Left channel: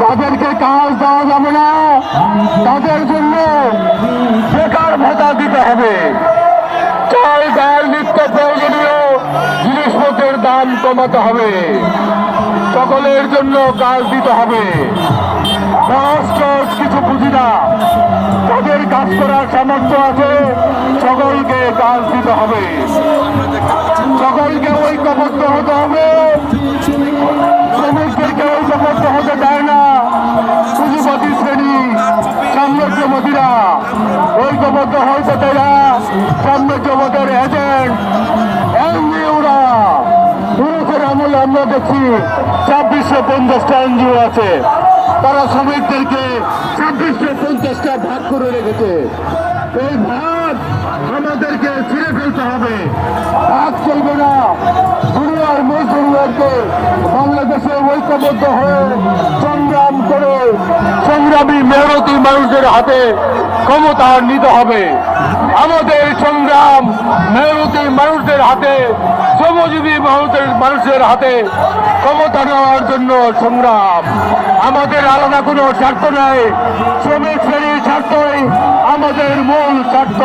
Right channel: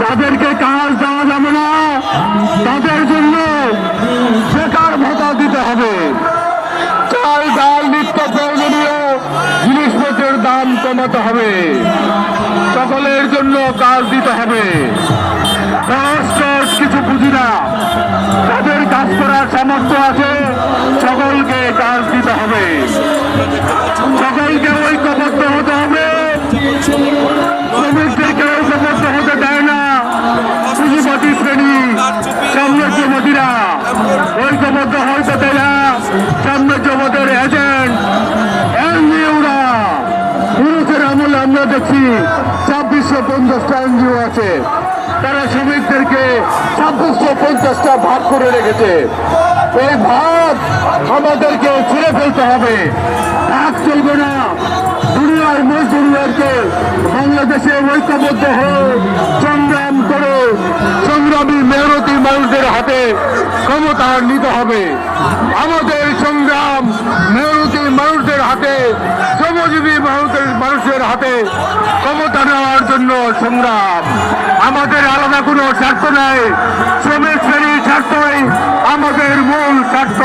তাদেরকে কাজ দেওয়া যাবে না, তাদের জন্য বেকার ভাতা দিতে হবে। চাল ডাল নিত্য প্রয়োজনীয় জিনিসপত্রের দাম কমাতে হবে, সকলের জন্য কাজ দিতে হবে। কিছু বুঝি না, তাদের কাজ করার সামর্থ্য আছে, সকলকে কাজ দিতে হবে, সকলকে ঐক্যবদ্ধ হতে হবে। শ্রমিকদেরকে ঐক্যবদ্ধ হতে দেয় না পুঁজিপতি শ্রেণী, সাম্রাজ্যবাদীরা ঐক্যবদ্ধ হইতে দেয় না সাম্রাজ্যবাদের এজেন্ট এনজিওরা। পুরুষের আমলে আমরা দেখছি 2650টা এনজিও আছে, তারা শ্রমিকদেরকে 2650টা ভাগ করে রেখেছে। এই ভাগ আমাদেরকে ছিঁড়ে ফেলতে হবে, ভাগ চলবে না। দুনিয়ার মজদুরদেরকে বাংলাদেশে ঐক্যবদ্ধ হয়ে সংগ্রাম করে সংগ্রামী মেহনতি মানুষদের হাতে ক্ষমতা নিতে হবে। আমাদের সংগ্রাম মেহনতি মানুষদের হাতে, শ্রমজীবী মানুষের হাতে ক্ষমতা নেওয়ার জন্য সংগ্রাম। আমাদের আলাদা কোনো স্বার্থ নেই, শ্রমিক শ্রেণীর স্বার্থই আমাদের মূল স্বার্থ।